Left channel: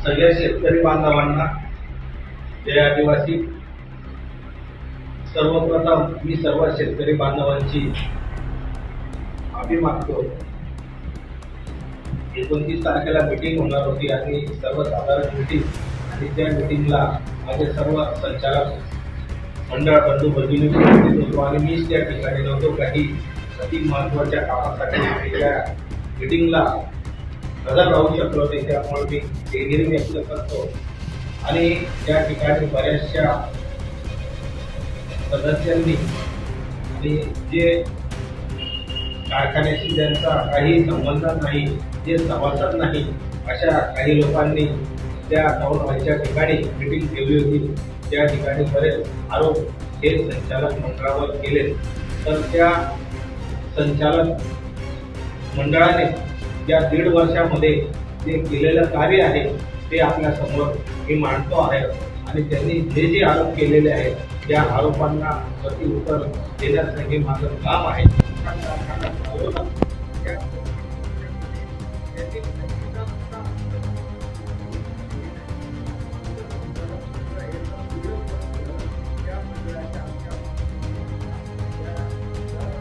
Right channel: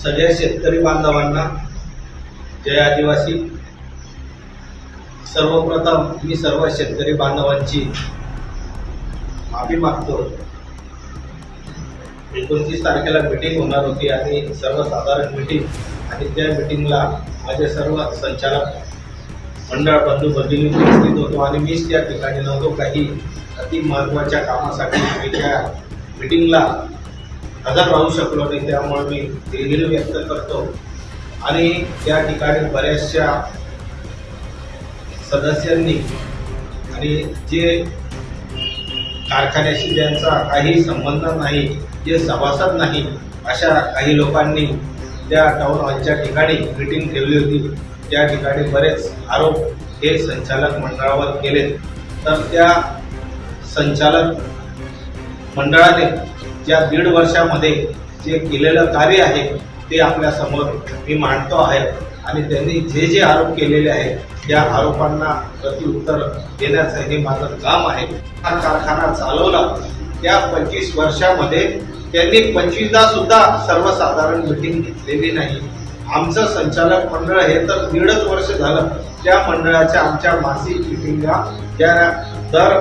सगळ्या शेतकरी बांधवांना जय आदिवासी. सर्वप्रथम मी सर्व शेतकरी बांधवांची माफी मागतो. एकोणतीस तारखेला मीटिंग होणार होती आणि सर्वसाधारण मीटिंग आणि त्या मीटिंगला माझे सर्व संचालक मंडळ बंधू भगिनी उपस्थित होतो आणि मीच त्या ठिकाणी नव्हतो. काही अति महत्त्वाच्या कामासाठी मी त्या मीटिंगला हजर राहू शकलो नाही त्यामुळे मी दिलगिरी व्यक्त करतो. आणि त्या ठिकाणी बऱ्याचशा सदस्यांनी आणि जे कारखान्याशी ज्यांचा काही संबंध नाही जे सभासद नाही अशा काही लोकांनी त्या टाऊन हॉलच्या ठिकाणी मिटिंग ठेवली होती. त्या ठिकाणी बरेच आरोप हे संचालक मंडळावर केले तर त्या संचालक मंडळाने ज्या दीड वर्षामध्ये जे केलेलं कार्य आहे ते आपल्यासमोर मी मांडतो आहे. आणि त्यांनी जे जे आरोप केलेले आहेत त्या आरोपांना प्रतिउत्तर देण्याचं हे माझं काम आहे. हा कारखाना चालवला. त्या पंचवीस वर्षामध्ये त्यांनी पंचवीसदा सुद्धा सर्वसाधारण मिटिंग घेतलेली नाही. आमचं संचालक मंडळ हे तर दीडच वर्ष झालं त्या मंडळाच्या आमच्या मासिक मिटिंगा त्या दर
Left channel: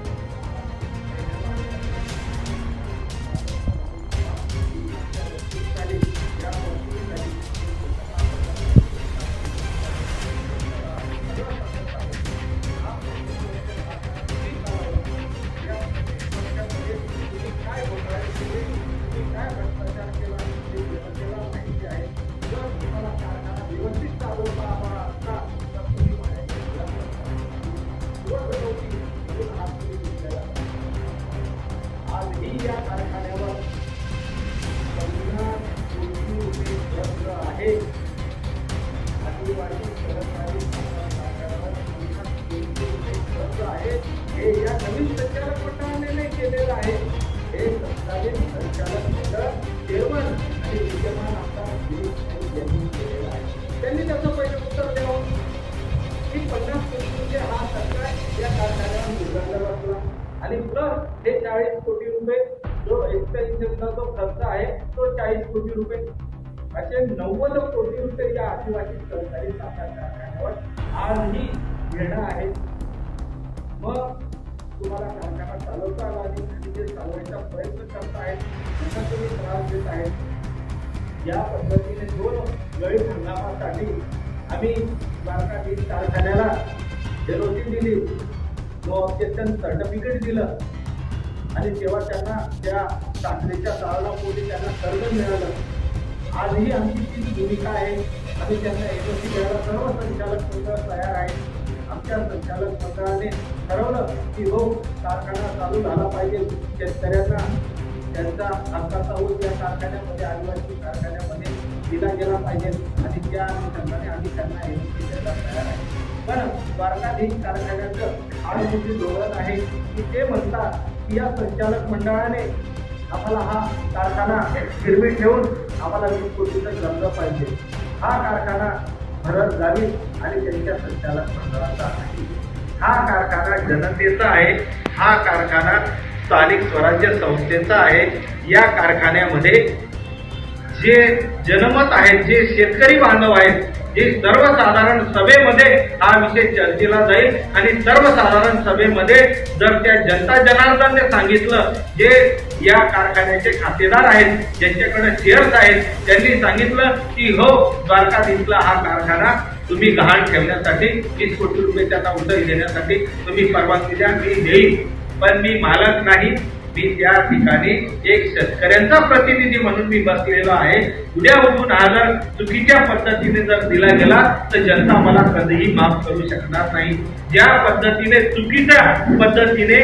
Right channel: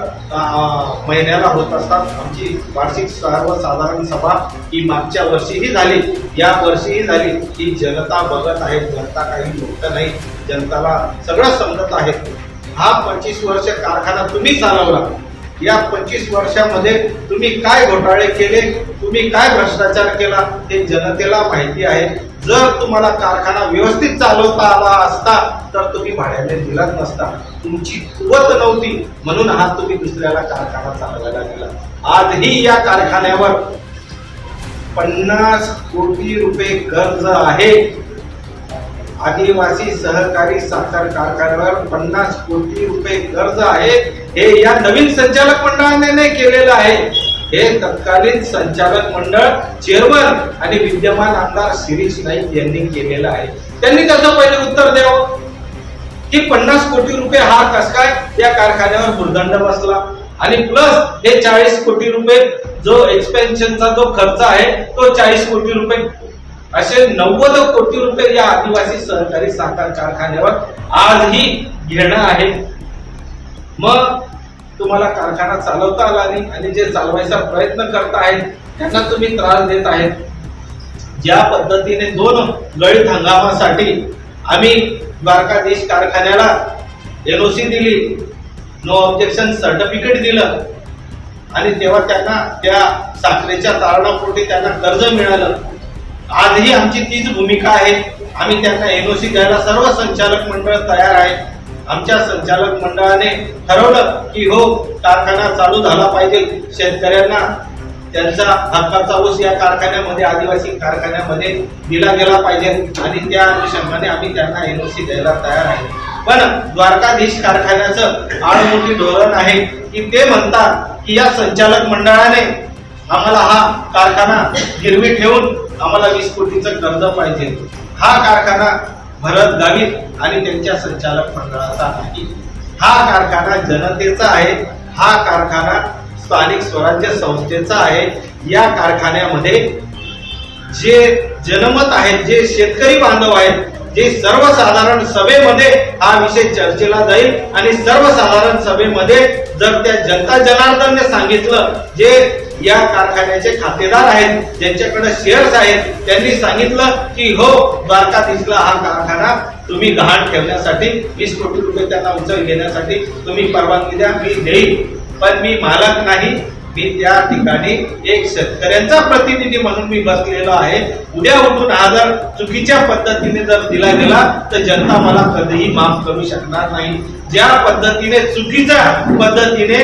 महिन्याला होत असतात. आमची वार्षिक सर्वसाधारण सभा ही मागच्या वर्षीही झाली. या वर्षीही झाली. ही जनता बघत आहे. जनता काही मुक्त नाही. जनताला सगळं समजत आहे. हा पंचवीस वर्ष कारखाना तुम्ही चालवला. या पंचवीस वर्षामध्ये तुम्ही काय घोटाळे केले? तुम्ही काय भ्रष्टाचार केला? हे जनतेला माहिती आहे. जर तुम्हाला कारखाना व्यवस्थित चालवता आला असता तर तुम्ही भाड्याने दिलाच नसता. तुमची कुवत नव्हती. म्हणून आज तुम्ही दुसऱ्याला कारखाना चालवायला दिला. आजही या कारखान्यावर पन्नास कोटी रुपये कर्ज आहे. आदिवासी सहकारी साखर कारखान्यावर पन्नास कोटी रुपये कर्ज आहे. हे या नवीन संचालक मंडळाने केलेलं आहे. हे तत्कालीन संचालक मंडळ चेअरमन आणि विद्यमान आमदार शिरीष नाईक यांनी केलेलं आहे. त्यांनी त्याचं पहिले उत्तर द्यावं. की पन्नास कोटी रुपये हा कस काय या कारखान्यावर भूर्दंड बसला? आणि प्लस हे चाळीस कोटी रुपये जो एक्सपेन्शनचा जो खर्च आहे तो चाळीस कोटी रुपये. असे नव्वद कोटी रुपये या आदिवासी सहकारी साखर कारखान्यावर आजही घेणं आहे. मग तुम्हाला कारखाना चालवता आला नाही आणि जे चालवायचा प्रयत्न करत आहेत त्यांना तुम्ही त्रास देत आहेत. ज्या पद्धतीने दोन गळीत हंगामासाठी आम्ही द्वारकाधीश कारखान्याला एनओसी दिली नो ऑब्जेक्शन सर्टिफिकेट दिलं आणि तेव्हा त्यांना त्या साखरेच्या तारणापोटी त्यांना कर्ज मिळालं. आजही आमची तीच भूमिका आहे. आम्ही त्यांना एनओसी द्यायला सर्व संचालक मंडळ तयार आहे. आमच्या संचालक मंडळाने ठरवलं की हो कारखाना चालू झाला पाहिजे. शेतकऱ्यांना त्यांचा हक्काचा ऊस या कारखान्यामध्ये आदिवासी कारखान्यामध्ये दिला गेला पाहिजे. आणि त्या अनुषंगाने आम्ही त्यांना एनओसी द्यायला तयार आहे. पण द्वारकाधीश कारखान्याचं आडमोठी धोरण आहे की ते म्हणतात की या संचालक मंडळाने आम्हाला हा कारखाना गिरवी ठेवून आम्हाला वीस कोटीचं कर्ज पाहिजे. हा कारखाना भरत गावित आणि त्यांच्या संचालक मंडळाचा नाही हा कारखाना जनतेचा आहे. हा कारखाना स्थानिक स्वराज्य संस्थेचा आहे. या कारखान्यामध्ये जे जनमत आहेत जे शेतकरी बांधव आहेत जे सर्वसाधारण सभेमध्ये हा विषय चर्चेला जाईल आणि सर्वसाधारण सभेमध्ये जर त्या जनता जनार्दनने सांगितलं जे या कारखान्याचे खातेदार आहेत ज्यांच्याकडे शेअर्स आहेत त्यांनी सांगितलं की हो द्वारकाधीशला हा कारखाना तुम्ही गहाण ठेवण्यासाठी वीस कोटी रुपये त्यांना उचल घेण्यासाठी तुम्ही परवानगी द्या मी घेईन पण मी मालक नाही. मी त्या ठिकाणी एक शेतकऱ्यांचा प्रतिनिधी म्हणून मी बसलेलो आहे. उद्या उठून हा जर चुकीच्या पद्धतीने जर दिला गेला तर जनता मला कधीही माफ करू शकणार नाही. ज्या पद्धतीने चुकीच्या पद्धतीने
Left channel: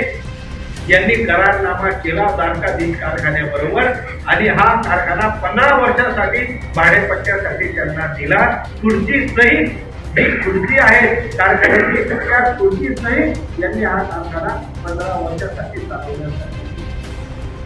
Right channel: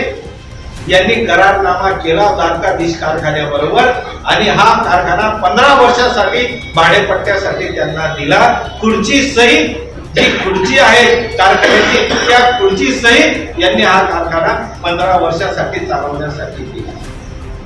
यांनी करारनामा केला द्वारकाधीश कारखान्याबरोबर. आणि हा कारखाना पंधरा वर्षासाठी भाडेपट्ट्यासाठी त्यांना दिला. खुर्ची सहित जी खुर्ची आहे कारखान्याची त्या खुर्ची सहित यांनी हा कारखाना पंधरा वर्षासाठी चालवण्यासाठी दिला.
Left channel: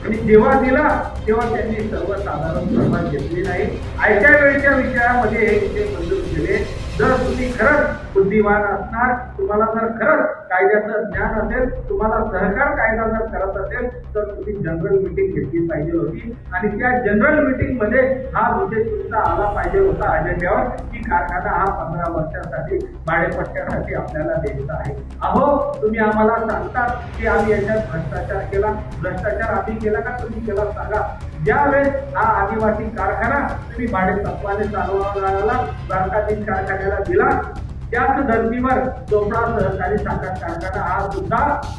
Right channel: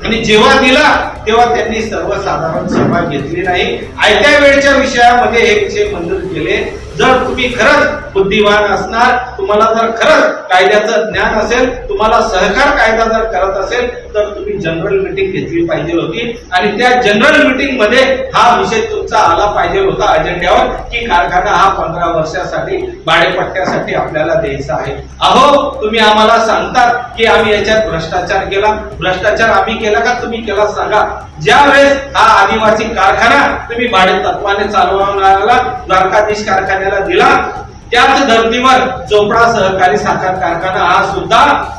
आणि जेव्हा दिला तेव्हा त्यांनी सर्वसाधारण सभा घेतली नाही. आयत्या वेळच्या विषयामध्ये हे विषय मंजूर केले. जर तुम्ही खरंच बुद्धिवान असणार तुम्हाला जर खरंच कायद्याचं ज्ञान असेल तुम्हाला सहकार कायदा जर करत असेल तर तुम्ही जनरल मीटिंग घेतली पाहिजे होती. आणि त्या जनरल मीटिंगमध्ये हा विषय तुमचा आला पाहिजे होता अजेंड्यावर की कारखाना हा पंधरा वर्षासाठी भाडेपट्ट्यासाठी आपल्याला द्यायचा आहे. अहो तुम्ही आम्हाला सांगतात की आम्ही याच्यात भ्रष्टाचार केला. भ्रष्टाचार आम्ही केला का? तुम्ही केला सांगा. ज्या वेळेस हा आदिवासी कारखाना तुम्ही भाडे तत्वाने चालवणाऱ्याला द्वारकाधीश कारखान्याला दिला त्याच धर्तीवर चोपडा सहकारी साखर कारखाना हा सुद्धा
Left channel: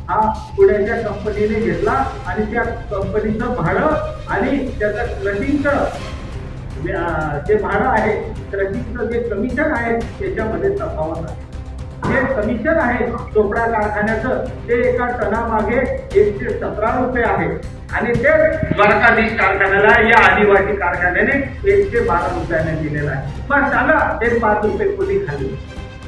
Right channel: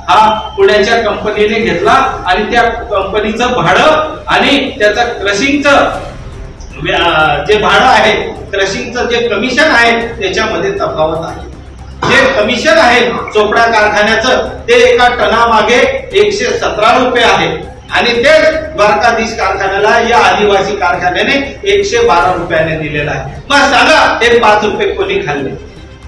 हा पुण्याच्या कंपनीने घेतला आणि त्या कंपनीचं भाडं आणि त्याचं क्रशिंगचं जे भाडं आहे क्रशिंगचं जे कमिशन आहे त्याच्यामध्ये तफावत आहे. जे कमिशन आहे चोपडा कारखान्याचं ते एका टनामागे एकशे सतरा रुपये आहे. आणि ते द्वारकाधीश कारखान्याला या आदिवासी कारखान्याने एकशे बारा रुपयाने दिलेलं आहे. मग सांगा ते पाच रुपये कोणी खाल्ले?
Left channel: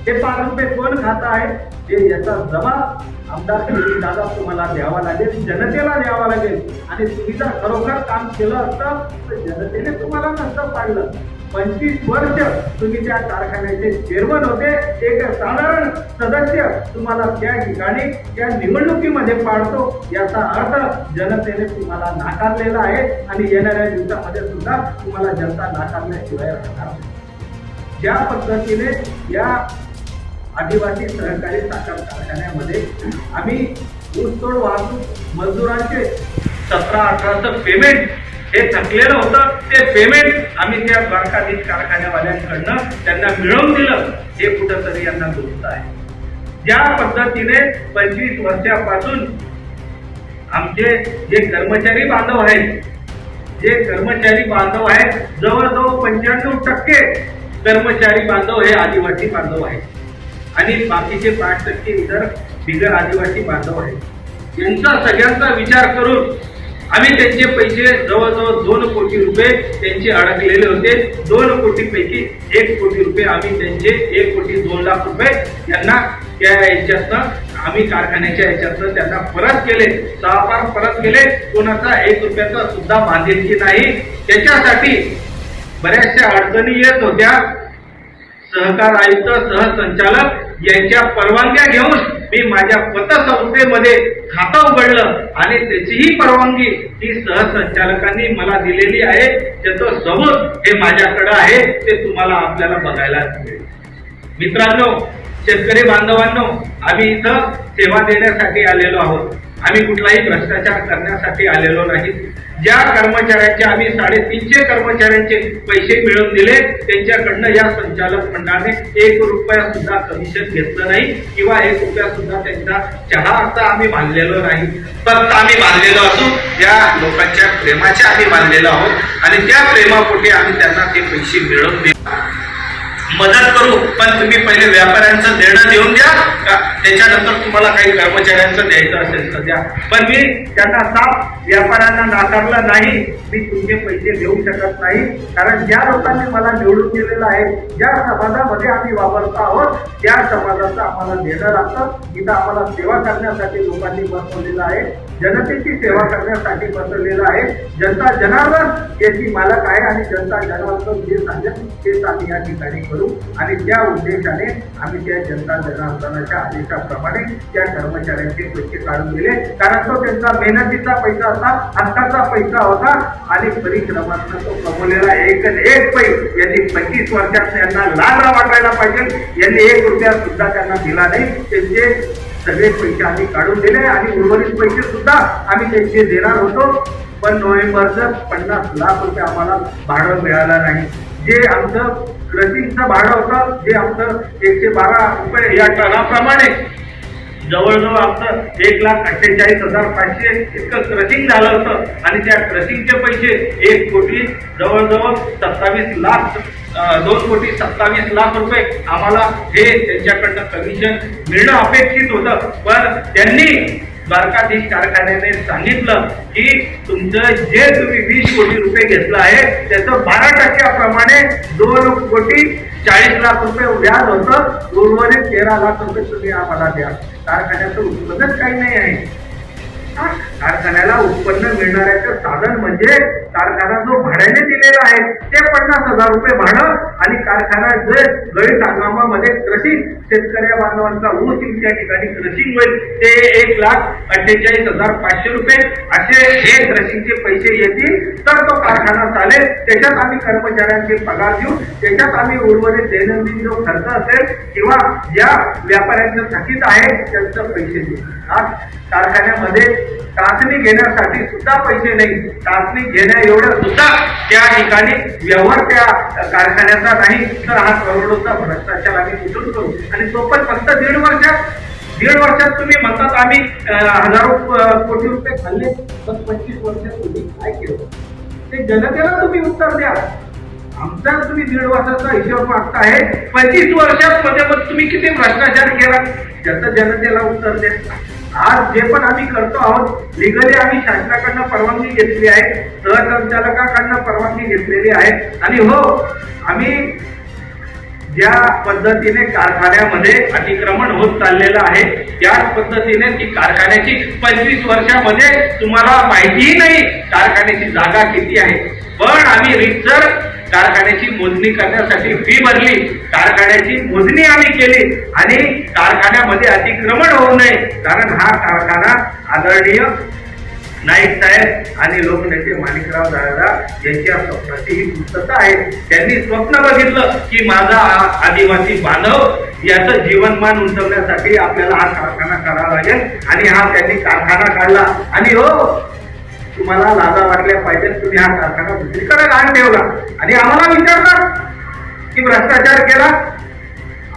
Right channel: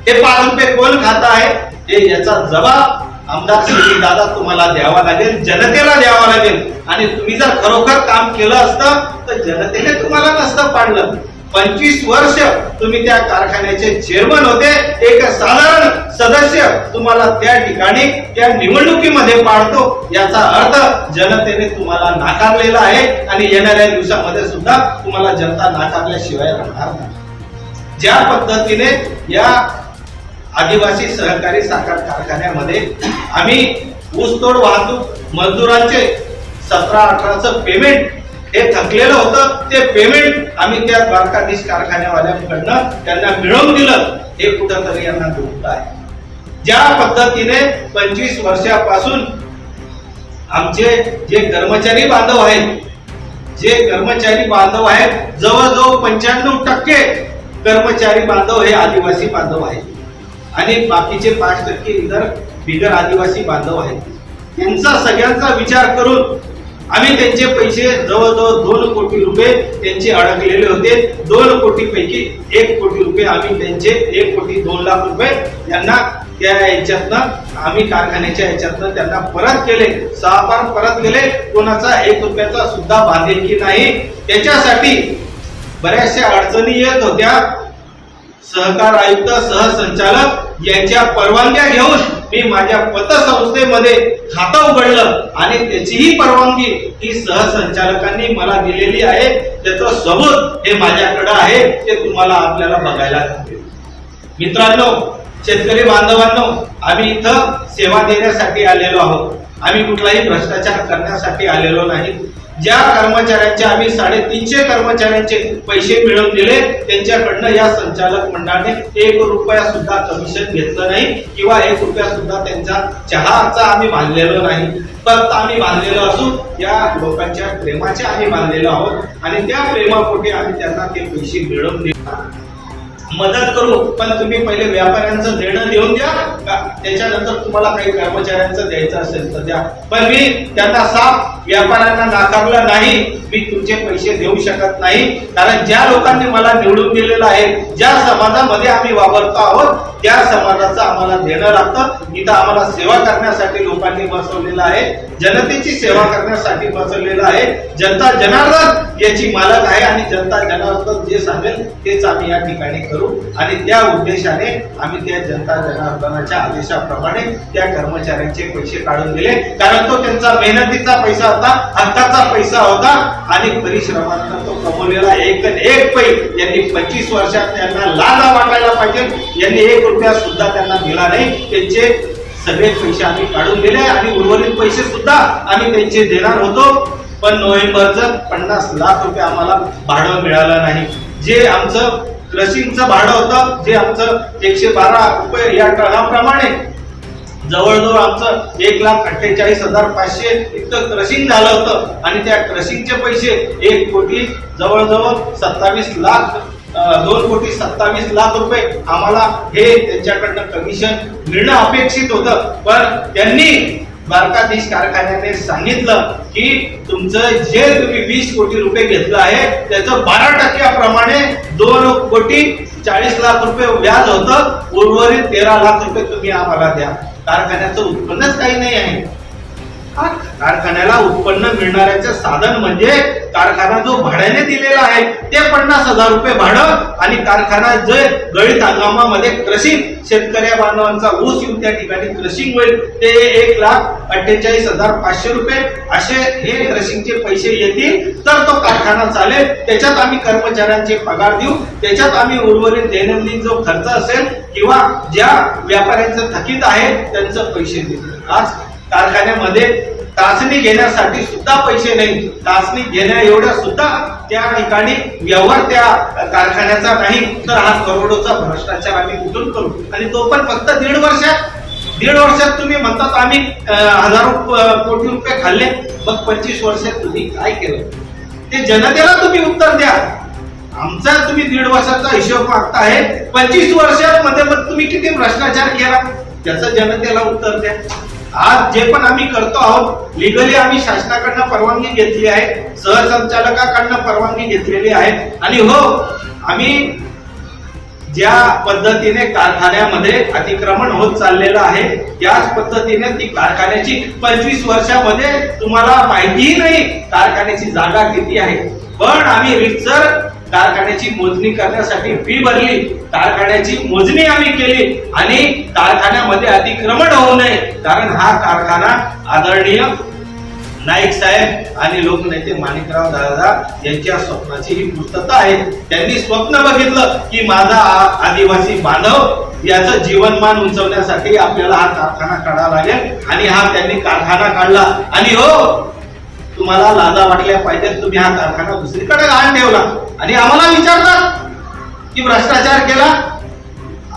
हे पाच रुपये कोण खात आहे? हे याचा जबाब आमदार श्री दादा तुम्हाला द्यावा लागेल जनतेला द्यावा लागेल. आणि तुम्ही जर खरोखर काम केलं असतं तर जनतेने तुम्हाला नसतं पाडलं. पंचवीस वर्ष तुम्ही त्या कारखान्याचे चेअरमन होते. एक साधारण सदस्य तुम्हाला त्या ठिकाणी त्या निवडणुकीमध्ये पाडतो. याचा अर्थ जनतेने तुम्हाला नाकारलेला आहे. आणि येणाऱ्या दिवसामध्ये सुद्धा तुम्हाला जनता नाकारल्याशिवाय राहणार नाही. ज्या पद्धतीने या आदिवासी सहकारी साखर कारखान्यामध्ये आम्ही ऊसतोड वाहतूक मजदुरांचे सतरा अठराचं पेमेंट हे थकलेलं होतं. ते पेमेंट आम्ही त्या द्वारकाधीश कारखान्यावाल्यांकडनं त्यांना मिळवून दिलं. हे कुठंतरी यांना दुःख आहे. ज्या पद्धतीने पंचवीस वर्षापासून आमचे जे कर्मचारी बांधव आहेत जे कर्मचारी बांधव आहेत जवळजवळ पंच्याण्णव टक्के कर्मचारी बांधव हे आदिवासी बांधव आहेत. आणि बाकीचे पाच टक्के इतर बिगर आदिवासी बांधव आहेत. यांचा सगळ्यांचा विचार करून आम्ही त्यांचे पैसे जवळजवळ दोन कोटी रुपये त्यांचे अडकलेले होते. दोन कोटी पैकी एक कोटी रुपये आम्ही त्यांचे एक कोटी दोन लाख रुपये यांना त्या याच्यातनं आम्ही कारखान्याच्या याच्यातनं त्यांना परत केले. सहा परत केले. कोणाचा एक रुपयाचा सुद्धा बांधिलकी नाही. त्याच्यासाठी बऱ्याचशा अडचणी येत होत्या. सहकार आयुक्त सहसंचालक यांच्या परवानग्या घेऊन मी माझ्या पतसंस्थेमध्ये खातं उघडलं आणि त्याचीही परवानगी ती सहसंचालकांनी मला दिलेली आहे. त्याचं सबूत हे माझ्याकडे आहे ते तुम्हाला आपल्याला बघायला मिळेल. मित्रांनो शेतकरी बांधवांनो आम्ही इथं सेवा देण्यासाठी आलेलो आहोत. आम्ही कुठलाही भ्रष्टाचार करण्यासाठी आलेलो नाही. ज्या कर्मचाऱ्यांचे आम्ही साडेतीनशे कर्मचाऱ्यांचे पैसे मिळवून दिले त्यांच्याकडनं या संचालक मंडळाने एक रुपया सुद्धा कमिशन घेतलं नाही किंवा एक रुपया सुद्धा त्यांचा चहाचा आम्ही मानलेलो नाही. फक्त आम्ही मानलेलो असू या लोकांच्या प्रेमाचे आम्ही मानलेलो आहोत आणि त्या प्रेमापोटी आम्ही त्यांना ते पैसे मिळवून दिले. मदत करू पण तुम्ही पहिले व्यापाऱ्यांचं देणं देऊन द्या. का त्याच्यानंतर तुम्हाला काही कर्मचाऱ्यांचं द्यायचं असेल तर द्या. पण मी त्यांना साफ व्यापाऱ्यांना नाकारलं नाही. मी तुमचे पैसे देऊ शकत नाही. कारण ज्या लोकांनी मला निवडून दिलेलं आहे ज्या समाजामध्ये आम्ही वावरतो आहोत त्या समाजाचं आम्हाला देणं लागतं. इथं आम्हाला सेवा करण्यासाठी लोकांनी बसवलेलं आहे. जनतेची सेवा करण्यासाठी बसवलेलं आहे. जनता जनार्दन याची मालक आहे आणि जनता जनार्दन जे सांगेल तेच आम्ही या ठिकाणी करू. आणि त्या उद्देशाने आम्ही त्या जनता जनार्दनाच्या आदेशाप्रमाणे त्या कर्मचाऱ्यांचे पैसे काढून दिले. कारण तो त्यांचा मेहनतीचा पैसा होता हक्काचा पैसा होता आणि परिश्रमांना तो कमवलेला एक एक पै यांनी पंचवीस वर्षात त्यांना लाज वाटायला पाहिजे. यांनी एक रुपया सुद्धा त्यांना दिला नाही. त्यांचे सगळे पैसे आम्ही काढून दिले आणि उर्वरित पैसे सुद्धा आम्ही त्यांचे देणार होतो. पण नोव्हेंबरचं पन्नास लाख रुपये आम्हाला भाडं मिळालं नाही. जे आमचं क्रशिंगचं भाडं होतं जे आमचं एकशे बारा रुपये या टनाप्रमाणे. जवळजवळ आमचं एक लाख अठ्ठेचाळीस हजार पाचशे इतकं क्रशिंग झालं होतं. आणि त्या क्रशिंगचे पैसे एक कोटी जवळजवळ सत्तावीस लाख दोन कोटी सत्तावीस लाख रुपये आम्हाला हे त्यांच्याकडनं कमिशन मिळणं अपेक्षित होतं. पण त्यांनी द्वारकाधीश कारखान्याने सांगितलं की तुमचं जे तुम्ही वीस कोटी रुपये घेतलं आहे त्याचं बारा टक्क्याप्रमाणे दोन कोटी चाळीस लाख रुपये व्याज होतं. उर्वरित तेरा लाख रुपये तुम्ही आम्हाला द्या. कारखान्याचं उत्पन्नच काही नाही आहे. कारखान्याला उत्पन्न मिळणाऱ्याचं साधन म्हणजे कारखाना जो भाड्याने दिलेला आहे ते पन्नास हजार रुपये भाडं आणि कारखाना जे गळीत हंगामामध्ये क्रशिंग शेतकऱ्या बांधवांचा ऊस येऊन त्या ठिकाणी क्रशिंग होईल ते एक लाख अठ्ठेचाळीस हजार पाचशे रुपये असे हे क्रशिंगचे पैसे येतील. तर तो कारखाना चालेल. त्याच्यात आम्ही कर्मचाऱ्यांचे पगार देऊ. त्याच्यात आम्ही उर्वरित दैनंदिन जो खर्च असेल किंवा ज्या व्यापाऱ्यांचं थकीत आहे त्यांचं पैसे देऊ. आज कारखान्यामध्ये चाचणी घेण्यासाठी सुद्धा पैसे नाही. चाचणी घेण्या एवढ्या सुद्धा त्या ठिकाणी व्यवहार त्या कारखान्याचा नाही. तर हा करोडोचा भ्रष्टाचार आम्ही कुठून करू? आणि तो पण फक्त दीड वर्षात. दीड वर्षात तुम्ही म्हणतात आम्ही हजारो कोटी रुपये खाल्ले. मग पंचवीस वर्षात तुम्ही काय केलं? ते जनतेला तुम्ही उत्तर द्या. आमचा तुम्ही दीड वर्षाचा हिशोब मागताय पंचवीस वर्षात मध्ये मग तुम्ही किती भ्रष्टाचार केला? त्याचं जनतेला उत्तर द्या. आज जे पण आम्ही करतो आहोत लिगली आम्ही शासनाकडनं परवानगी घेतली आहे सहसंचालकाकडनं परवानगी घेतलेली आहे. आणि हो आम्ही ज्या पद्धतीने कारखान्यामध्ये अतिक्रमण होत चाललेलं आहे त्याच पद्धतीने ती कारखान्याची पंचवीस वर्षामध्ये तुम्हाला माहितीही नाही कारखान्याची जागा किती आहे. पण आम्ही रिक्सर कारखान्याची मोजणी करण्यासाठी फी भरली. कारखान्याची मोजणी आम्ही केली आणि कारखान्यामध्ये अतिक्रमण होऊ नये कारण हा कारखाना आदरणीय नाईक साहेब आणि लोकनेते माणिकराव दादा यांच्या स्वप्नाची ही पूर्तता आहे त्यांनी स्वप्न बघितलं की माझा आदिवासी बांधव याचं जीवनमान उंचवण्यासाठी आपल्याला हा कारखाना काढावा लागेल आणि हा त्यांनी कारखाना काढला. आणि हो तुम्हाला लाजा वाटल्या पाहिजेत तुम्ही हा कारखाना दुसरीकडे घाण ठेवला. आणि आम्हाला विचारतात की भ्रष्टाचार केला?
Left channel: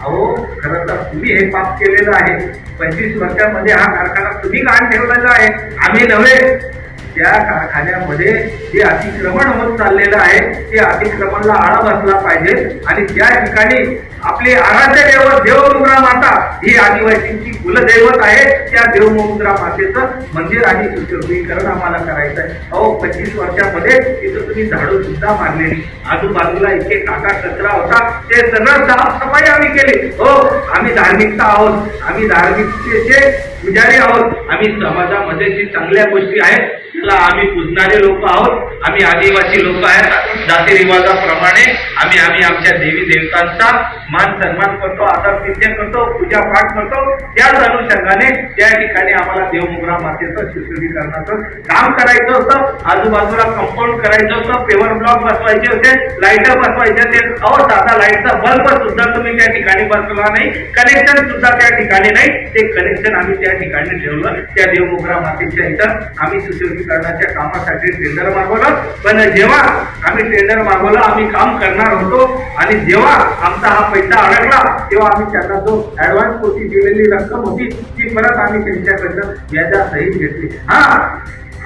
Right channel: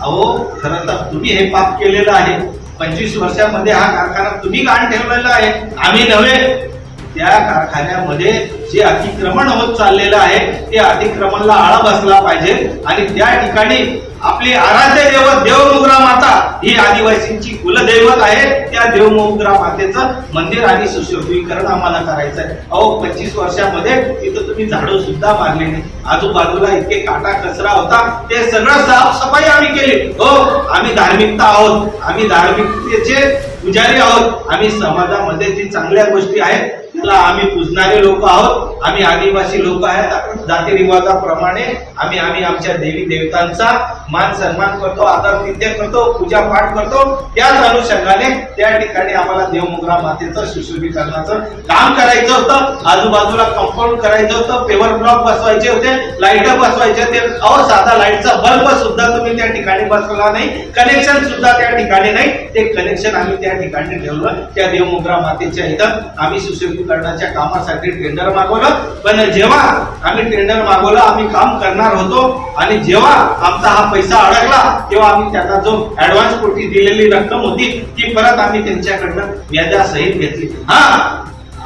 अहो खरं तर तुम्ही हे पाप केलेलं आहे. पंचवीस वर्षामध्ये हा कारखाना तुम्ही गाण ठेवलेला आहे. आम्ही नव्हे. त्या कारखान्यामध्ये जे अतिक्रमण होत चाललेलं आहे ते अतिक्रमणला आळा बसला पाहिजे आणि त्या ठिकाणी आपली आराध्य देवत देवमुद्रा माता ही आदिवासींची कुलदैवत आहे. त्या देवमुद्रा मातेचं मंदिर आणि सुशोभीकरण आम्हाला करायचं आहे. अहो पंचवीस वर्षामध्ये तिथं तुम्ही झाडू सुद्धा मारले नाही. आजूबाजूला इतके काटा कचरा होता. ते सगळं साफसफाई आम्ही केली. हो आम्ही धार्मिकता आहोत. आम्ही धार्मिकतेचे पुजारी आहोत. आम्ही समाजामध्ये जी चांगल्या गोष्टी आहेत त्याला आम्ही पुजणारे लोक आहोत. आम्ही आदिवासी लोक आहेत. जातीरिवाजाप्रमाणे आम्ही आम्ही आमच्या देवी देवतांचा मान सन्मान करतो आदर तिथ्य करतो पूजा पाठ करतो. त्याच अनुषंगाने त्या ठिकाणी आम्हाला देवमुद्रा मातेचं सुशोभीकरणाचं काम करायचं होतं. आजूबाजूला कंपाऊंड करायचं होतं. पेवर ब्लॉक बसवायचे होते. लाइट बसवायचे होते. अहो साधा लाईटचा बल्ब सुद्धा तुम्ही त्या ठिकाणी बसवला नाही. कनेक्शन सुद्धा त्या ठिकाणी नाही. ते कनेक्शन आम्ही त्या त्या ठिकाणी ठेवलं. त्या देवमोगरा मातेच्या इथं आम्ही सुशोभीकरणाच्या कामासाठी टेंडर मागवलं. पण जेव्हा आम्ही टेंडर मागवलं आम्ही काम करणार होतो आणि जेव्हा आमचा हा पैसा अडकला तेव्हा आम्ही त्याचा जो ऍडव्हान्स कोटी दिलेली रक्कम होती ती परत आम्ही त्यांच्याकडनं व्याजासहित घेतली. हा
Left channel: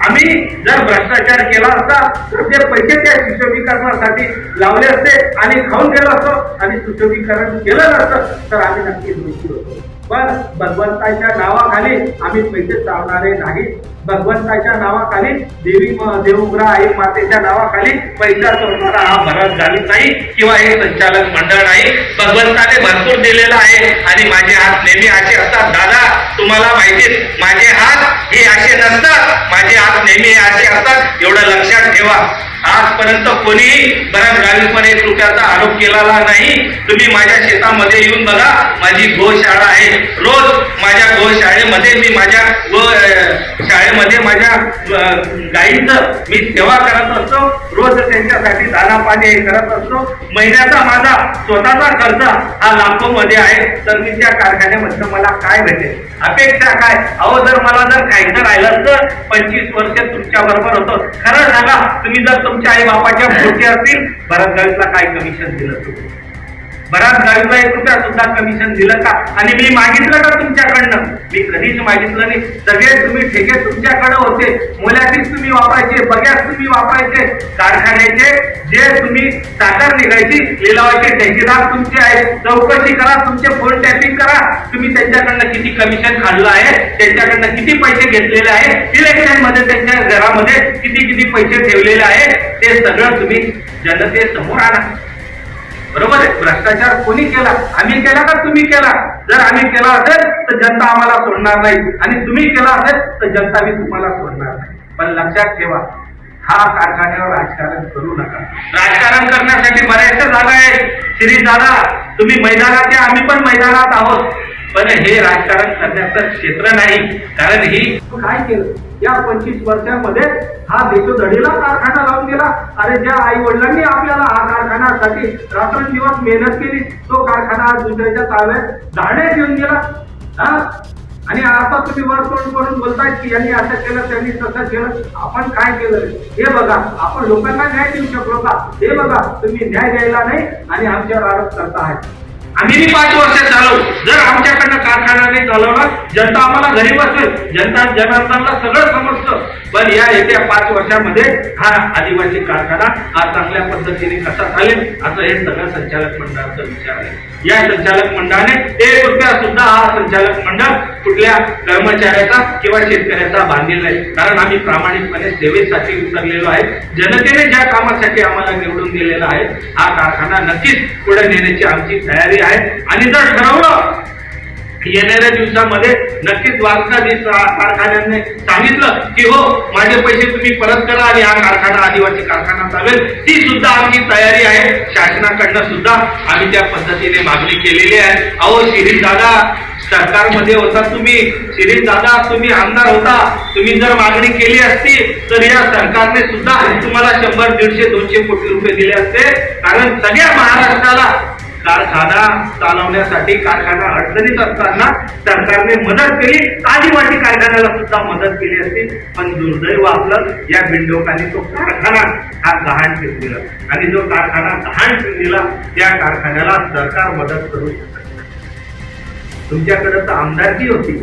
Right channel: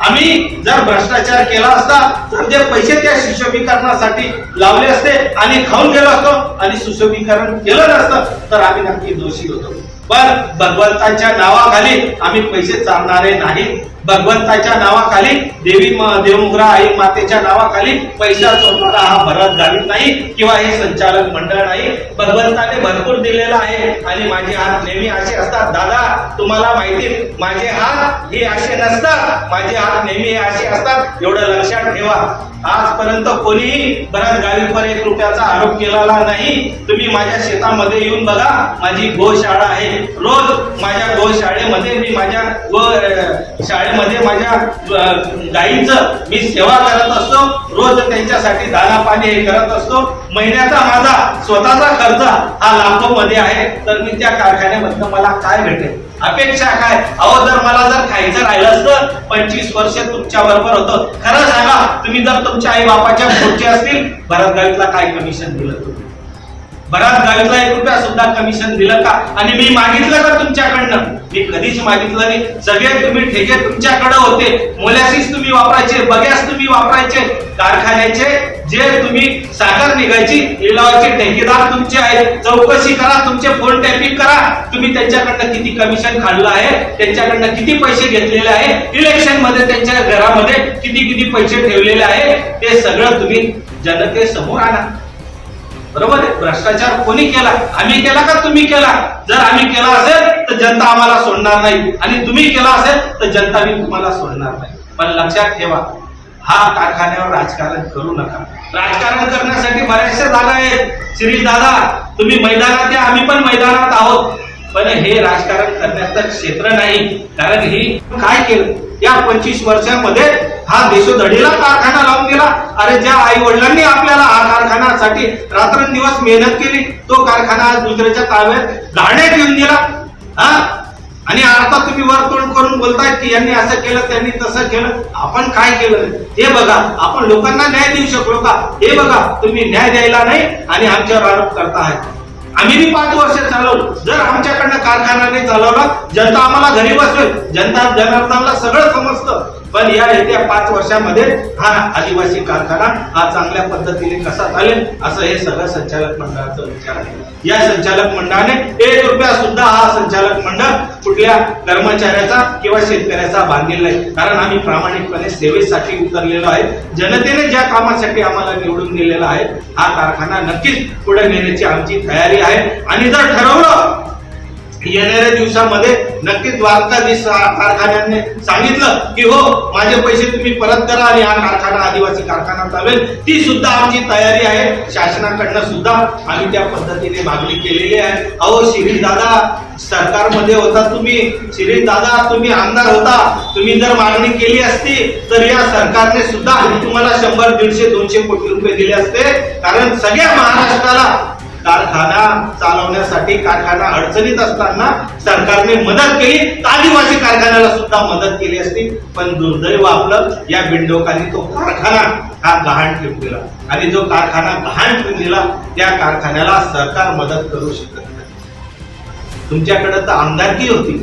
आम्ही जर भ्रष्टाचार केला असता तर ते पैसे त्या सुशोभीकरणासाठी लावले असते आणि खाऊन गेलो असतो. आणि सुशोभीकरण केलं नसतं तर आम्ही नक्की दोषी होतो. पण भगवंताच्या नावाखाली आम्ही पैसे चालणारे नाही. भगवंताच्या नावाखाली देवी देवमुग्रा आई मातेच्या नावाखाली पैसा चोरणारा हा भरत घालत नाही किंवा हे संचालक मंडळ नाही. भगवंताने भरपूर दिलेला आहे आणि माझे हात नेहमी असे असतात. दादा तुम्हाला माहिती माझे हात हे असे नसतात. माझे हात नेहमी असे असतात. एवढं लक्षात ठेवा. आजपर्यंत कोणीही बऱ्याच गावीपणे एक रुपयाचा आरोप केलेला नाही. तुम्ही माझ्या शेतामध्ये येऊन बघा माझी गोशाळा आहे. रोज माझ्या गोशाळेमध्ये मी माझ्या गो शाळेमध्ये माझ्या गाईचं मी सेवा करत असतो. रोज त्यांच्यासाठी दाना पाणी हे करत असतो. महिन्याचा माझा स्वतःचा खर्च हा लाखो मध्ये आहे. तर मी त्या कारखान्यामधनं मला काय भेटेल? अपेक्षा काय? अहो जर मला जर खायचं राहिलं असतं पंचवीस वर्ष तुमच्या बरोबर होतं. खरं सांगा तुम्ही जर तुमच्या आई बापाच्या पुढचे असतील भरत गावीतला काय कमिशन दिलं तुम्ही? बराच गावीतला एक रुपया सुद्धा कमिशन दिलं का? आणि मी मागितलं का तुमच्याकडनं? मी कधीच मागितलं नाही. सगळे तुम्ही ठेके तुमच्याकडे होते. मोलॅसिस तुम्ही वापरायचे बग्यास तुम्ही वापरायचे. कारखान्याचे जे तुम्ही साखर निघायची लिलावायचे ठेकेदार तुमचे आहेत. चौकशी करा तुमचे फोन टॅपिंग करा. तुम्ही त्यांच्याकडनं किती कमिशन खाल्लं आहे त्यांच्याकडनं किती पैसे घेतलेले आहे इलेक्शनमध्ये त्यांच्या घरामध्ये किती किती पैसे ठेवलेले आहे ते सगळं तुम्ही जनतेसमोर आणा. बरोबर आहे? भ्रष्टाचार कोणी केला? आम्ही केला का तुम्ही केला? जर आम्ही केला असेल तर जनता आम्हाला सोडणार नाही. आणि तुम्ही केला असेल तर जनता मी तुम्हाला सोडणार नाही. पण लक्षात ठेवा हा कारखान्यावर राजकारण करू नका. राजकारण करण्यासाठी बऱ्याचशा जागा आहेत. श्री दादा तुम्ही मैदानात या. आम्ही पण मैदानात आहोत. पण हे राजकारण करण्याचं क्षेत्र नाही. कारण ही काय केलं? या पंचवीस वर्षांमध्ये हा देशोधडीला कारखाना लावून गेला. अरे ज्या आई वडिलांनी आपल्याला हा कारखानासाठी रात्रंदिवस मेहनत केली तो कारखाना आज दुसऱ्याच्या ताब्यात धाडण्यात येऊन गेला हा? आणि आता तुम्ही वरतोंड करून बोलताय की यांनी असं केलं त्यांनी तसं केलं. आपण काय केलं? हे बघा आपण लोकांना न्याय देऊ शकलो का? हे बघा तुम्ही न्याय द्यायला नाही आणि आमच्यावर आरोप करताय. आम्ही बी पाच वर्ष चालवू. जर आमच्याकडनं कारखाना नाही चालवला जनता आम्हाला घरी बसवेल. जनता जनार्दनला सगळं समजतं. पण या येत्या पाच वर्षामध्ये हा आदिवासी कारखाना हा चांगल्या पद्धतीने कसा चालेल असं हे सगळं संचालक मंडळाचा विचार आहे. या संचालक मंडळाने एक रुपया सुद्धा हा संचालक मंडळ कुठल्या कर्मचाऱ्याचा किंवा शेतकऱ्याचा बांधलेला आहे कारण आम्ही प्रामाणिकपणे सेवेसाठी उतरलेलो आहे. जनतेने ज्या कामासाठी आम्हाला निवडून दिलेला आहे हा कारखाना नक्कीच पुढे नेण्याची आमची तयारी आहे. आणि जर ठरवलं येणाऱ्या दिवसामध्ये नक्कीच द्वारकाधीश कारखान्याने सांगितलं की हो माझे पैसे तुम्ही परत करा आणि हा कारखाना आदिवासी कारखाना चालेल. ती सुद्धा आमची तयारी आहे. शासनाकडनं सुद्धा आम्ही त्या पद्धतीने मागणी केलेली आहे. अहो शिरीष दादा सरकारमध्ये होता तुम्ही. शिरीष दादा तुम्ही आमदार होता. तुम्ही जर मागणी केली असती तर या सरकारने सुद्धा तुम्हाला शंभर दीडशे दोनशे कोटी रुपये दिले असते. कारण सगळ्या महाराष्ट्राला कारखाना चालवण्यासाठी कारखाना अडचणीत असताना सरकारने मदत केली. आदिवासी कारखान्याला सुद्धा मदत केली असती. पण दुर्दैव आपलं या बिंडोकांनी तो कारखाना हा गहाण ठेवून दिला. आणि जो कारखाना गहाण ठेवून दिला त्या कारखान्याला सरकार मदत करू शकत नाही. तुमच्याकडे तर आमदारकी होती.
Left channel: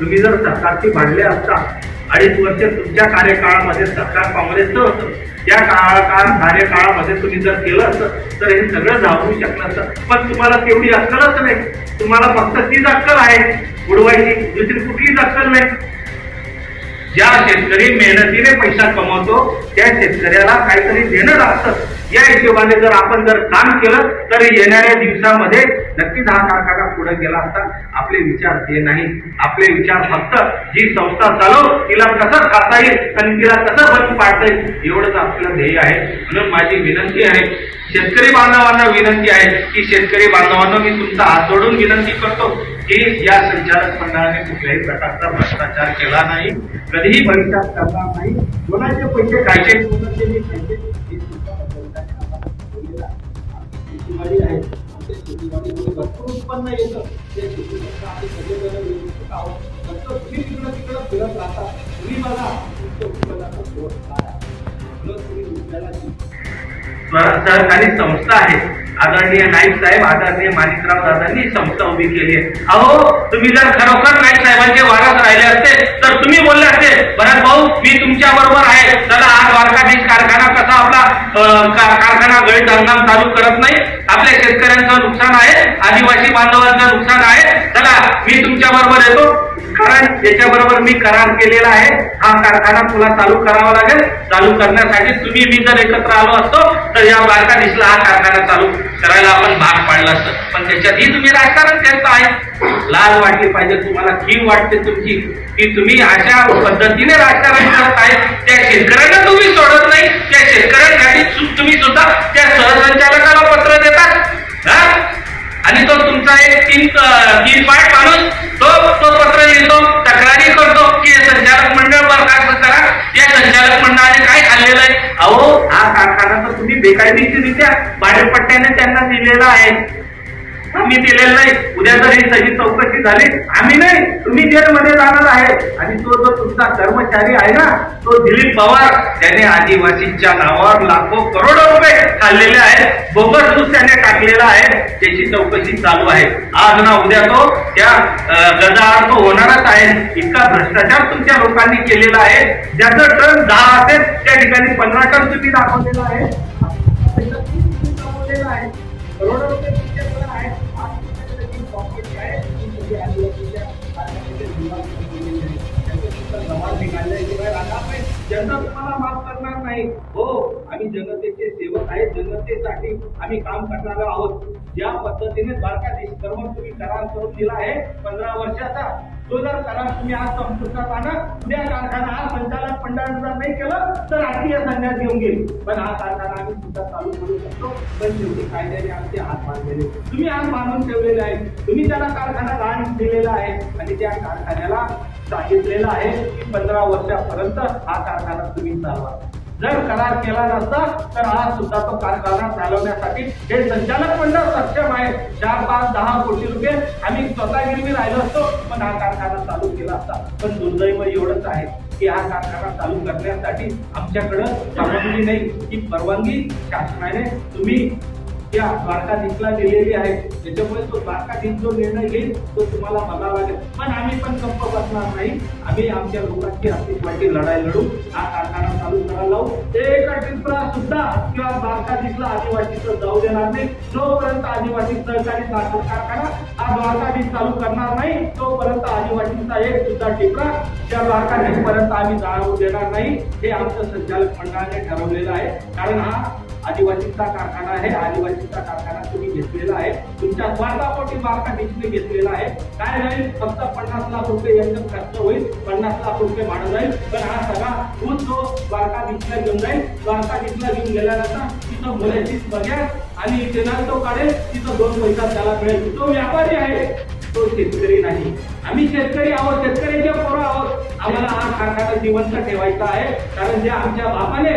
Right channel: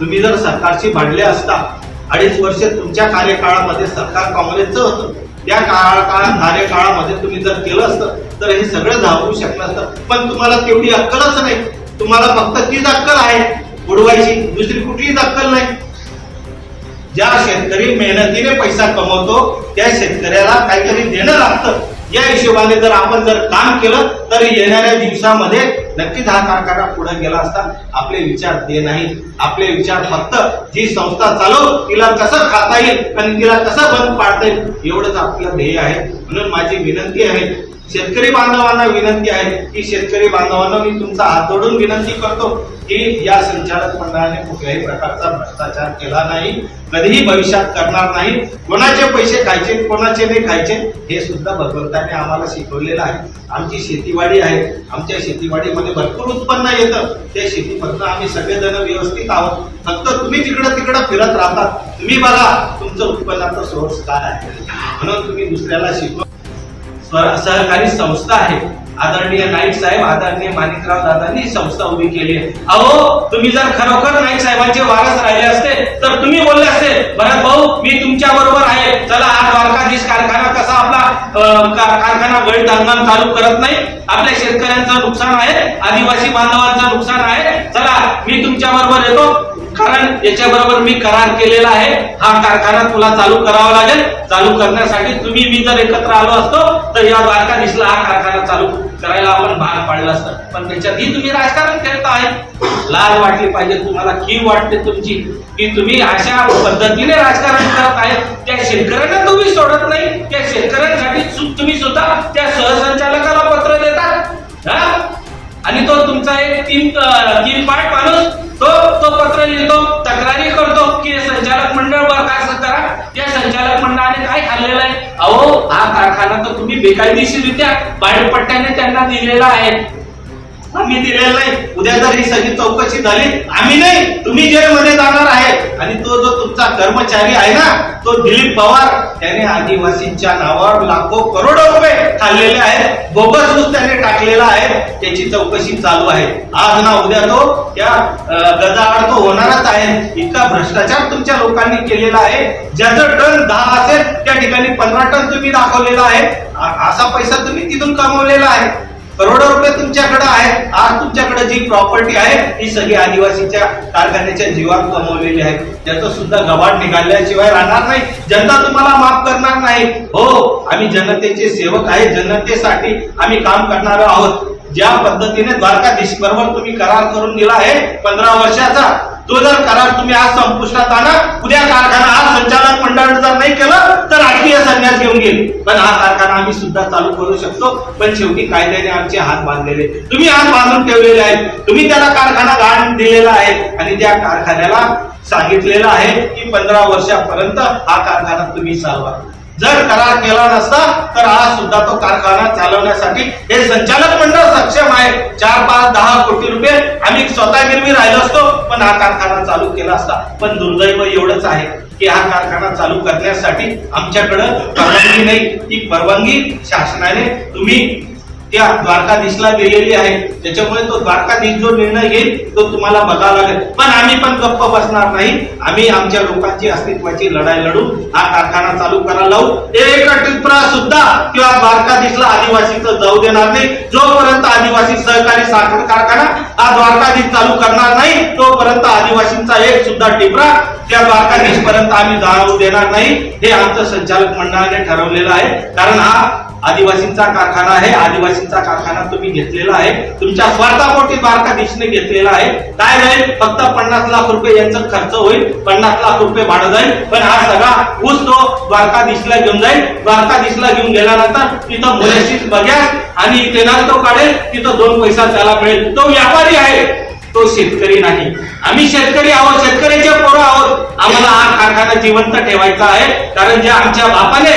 तुम्ही जर सरकारशी भांडले असता अडीच वर्ष तुमच्या कार्यकाळामध्ये सरकार काँग्रेसचं होतं. त्या काळ काळ कार्यकाळामध्ये तुम्ही जर केलं असतं तर हे सगळं जाऊ शकलं असतं. पण तुम्हाला तेवढी अक्कलच नाही. तुम्हाला फक्त तीच अक्कल आहे उडवायची दुसरी कुठलीच अक्कल नाही. ज्या शेतकरी मेहनतीने पैसा कमवतो त्या शेतकऱ्याला काहीतरी देणं लागतं. या हिशोबाने जर आपण जर काम केलं तर येणाऱ्या दिवसामध्ये नक्कीच हा कारखाना पुढे गेला असता आपले विचार ते नाही. आपले विचार फक्त जी संस्था चालव तिला कसं खाता येईल आणि तिला कसं बंद पाडता येईल एवढंच आपलं ध्येय आहे. म्हणून माझी विनंती आहे शेतकरी बांधवांना विनंती आहे की शेतकरी बांधवांना मी तुमचा हात जोडून विनंती करतो. की या संचालक मंडळाने कुठल्याही प्रकारचा भ्रष्टाचार केला नाही कधीही भविष्यात करणार नाही. कोणाचे पैसे खायचे कोणाचे नाही खायचे हे सुद्धा भगवंताने आम्हाला शिकवलेलं आहे. आमची शेतीवाडी आहे. आमच्या शेतीवाडीमध्ये भरपूर उत्पन्न येतं. ते शेतीमधनं आम्ही सगळेजण व्यवस्थित आहोत. फक्त तुम्ही तिकडं तिकडं फिरत राहतात तुम्ही बघा तुमचं उत्पन्नाचा सोर्स काय आहे. म्हणून तुम्ही दुसऱ्याला शिकवा. सहकारी संस्था आहे. आदरणीय नाईक साहेब आदरणीय माणिकराव दादांनी ही संस्था उभी केली आहे. अहो तुम्ही जर खरोखर नाईक साहेबांचे वारस राहिले असते तर तुम्ही बोलले असते भरत भाऊ मी तुमच्या बरोबर आहे. चला आज वारकाधीश कारखाना कसा आपला कारखाना गैर हंगाम चालू करत नाही? आपल्या शेतकऱ्यांचं नुकसान आहे आदिवासी बांधवांचं नुकसान आहे. चला मी तुमच्या बरोबर येतो. कारण याच्याबरोबर मी करार केलेला आहे. हा कारखाना तुला चालू करावा लागेल. चालू करण्यासाठी तुम्ही मी जर एकत्र आलो असतो तर या द्वारकाधीशला हा कारखाना चालू करायला आपण भाग पाडला असतं. पण त्याच्यातही तुम्ही राजकारण करत आहे. लाल वाटली पाहिजे तुम्हाला कीव वाटते तुमची की तुम्ही अशा पद्धतीने राजकारण करत आहे. त्या शेतकऱ्यांना तुम्ही सोडत नाही. त्या शेतकऱ्यांसाठी तुम्ही सुद्धा त्या सहसंचालकाला पत्र देतात हा? आणि तो तुमचा एक तीन तीन पाय माणूस तो तो पत्र लिहितो तक्रारी करतो की संचालक मंडळ बरखास्त करा. या संचालक मंडळाने काय खाल्लेलं आहे? अहो हा कारखाना तर तुम्ही बेकायदेशीररित्या भाडेपट्ट्याने त्यांना दिलेला आहे. आम्ही दिलेलं नाही. उद्या जर ही सगळी चौकशी झाली. आम्ही नाही. तुम्ही जेलमध्ये जाणार आहे. आणि तो जो तुमचा कर्मचारी आहे ना तो दिलीप पवार त्याने आदिवासींच्या नावावर लाखो करोडो रुपये खाल्लेले आहेत. बोगस ऊस त्याने टाकलेला आहे. त्याची चौकशी चालू आहे. आज ना उद्या तो त्या गजाआड तो होणारच आहे. इतका भ्रष्टाचार तुमच्या लोकांनी केलेला आहे. ज्याचं टन दहा असेल त्या ठिकाणी पंधरा टन तुम्ही दाखवलेला आहे. असा पैसा तुम्ही तिथून कमवलेला आहे. करोडो रुपये तुमच्याकडे आहे आज तुमच्याकडे जी प्रॉपर्टी आहे ही सगळी आदिवासीच्या कारखान्याच्या जीवात कमवलेली आहे. त्याचं सुद्धा गबाड निघाल्याशिवाय राहणार नाही. जनता तुम्हाला माफ करणार नाही. हो आम्ही जनतेचे सेवक आहे जनतेसाठी आम्ही काम करणार आहोत. ज्या पद्धतीने द्वारकाधीश बरोबर तुम्ही करार करून दिला आहे पंधरा वर्षाचा तो जर करार तुम्ही आज संपुष्टात आणा उद्या कारखाना आज संचालक मंडळ जर नाही केलं तर संन्यास घेऊन गेली. पण हा कारखाना आम्ही सुद्धा चालू करू शकतो. पण शेवटी कायद्याने आमचे हात बांधलेले तुम्ही हात बांधून ठेवलेले आहेत. तुम्ही त्याला कारखाना गाण दिलेला आहे. आणि त्या कारखान्याला सांगितलेलं आहे की पंधरा वर्षापर्यंत हा कारखाना तुम्ही चालवा. जर करार केला नसता तर आज सुद्धा तो कारखाना चालवण्यासाठी हे संचालक मंडळ सक्षम आहे. चार पाच दहा कोटी रुपये आम्ही स्वतः गिरवी राहिलो असतो पण हा कारखाना चालू केला असता. पण दुर्दैव एवढंच आहे. की हा कारखाना चालू करण्यासाठी आमच्याकडं परवानगी नाही. ती परवानगी शासनाने तुम्ही त्या द्वारकाधीशला दिलेली आहे. त्याच्यामुळे तो द्वारकाधीश जो निर्णय घेईल तो तुम्हाला बघावा लागेल. पण आम्ही पण गप्प बसणार नाही. आम्ही आमच्या लोकांची अस्तित्वाची लढाई लढू हा कारखाना चालू करायला लावू. एक टिपरा सुद्धा किंवा द्वारकाधीशला आदिवासीचं जाऊ देणार नाही. जोपर्यंत आदिवासी सहकारी साखर कारखाना हा द्वारकाधीश चालू करणार नाही तोपर्यंत आदिवासींचा एक सुद्धा टिपरा त्या द्वारकाधीश पर्यंत आम्ही जाऊ देणार नाही. हे आमचं संचालक मंडळाने ठरवलेलं आहे. कारण हा आदिवासींचा कारखाना आहे. आदिवासींचा कारखाना तुम्ही घेतलेला आहे. तुमच्या स्वार्थापोटी द्वारकाधीशने घेतलेला आहे. काय जाईल फक्त पन्नास लाख रुपये यांचा खर्च होईल. पन्नास लाख रुपये भाडं जाईल. पण हा सगळा ऊस तो द्वारकाधीशला घेऊन जाईल. द्वारकाधीशला घेऊन गेल्यानंतर तिथं मुलाशीच बघ्या आणि तेनाल तो काढेल. तिथं दोन पैसा त्याला मिळेल. तो व्यापारी आहे. तो शेतकरी नाही. आम्ही शेतकरी आहोत शेतकऱ्याचे पोरं आहोत. आम्हाला हा कारखाना जिवंत ठेवायचा आहे. कारण जे आमच्या बापाने